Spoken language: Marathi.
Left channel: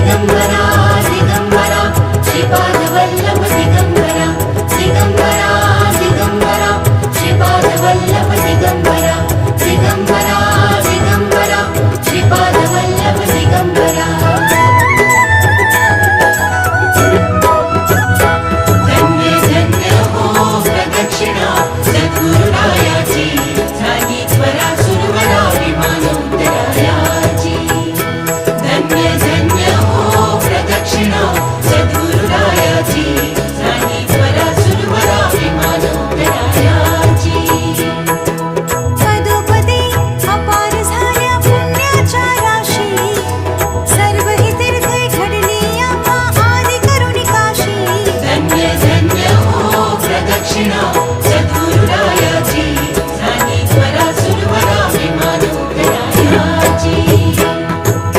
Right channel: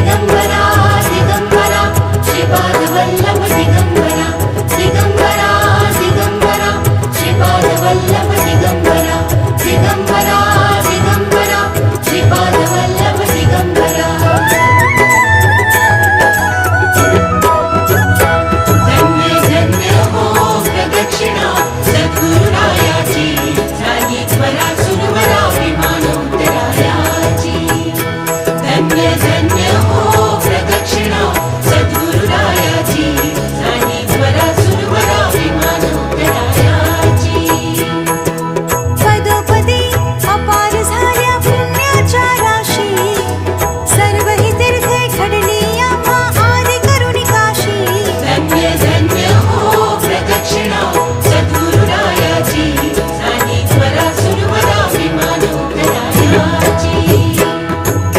दिगंबरा दिगंबरा श्रीपाद वल्लभ दिगंबरा दिगंबरा दिगंबरा श्रीपाद वल्लभ दिगंबरा दिगंबरा दिगंबरा श्रीपाद वल्लभ दिगंबरा धन्य धन्य हो प्रदक्षिणा सद्गुरुरायाची झाली त्वरा सुरवरा विमान उतरायाची धन्य धन्य हो प्रदक्षिणा सद्गुरुरायाची झाली त्वरा सुरवरा विमान उतरायाची पदोपदी अपार झाल्या पुण्याच्या राशी सर्व ही तीर्थे घडली आम्हा आदि करुणी काशी धन्य धन्य हो प्रदक्षिणा सद्गुरुरायाची झाली त्वरा सुरवरा विमान उतरायाची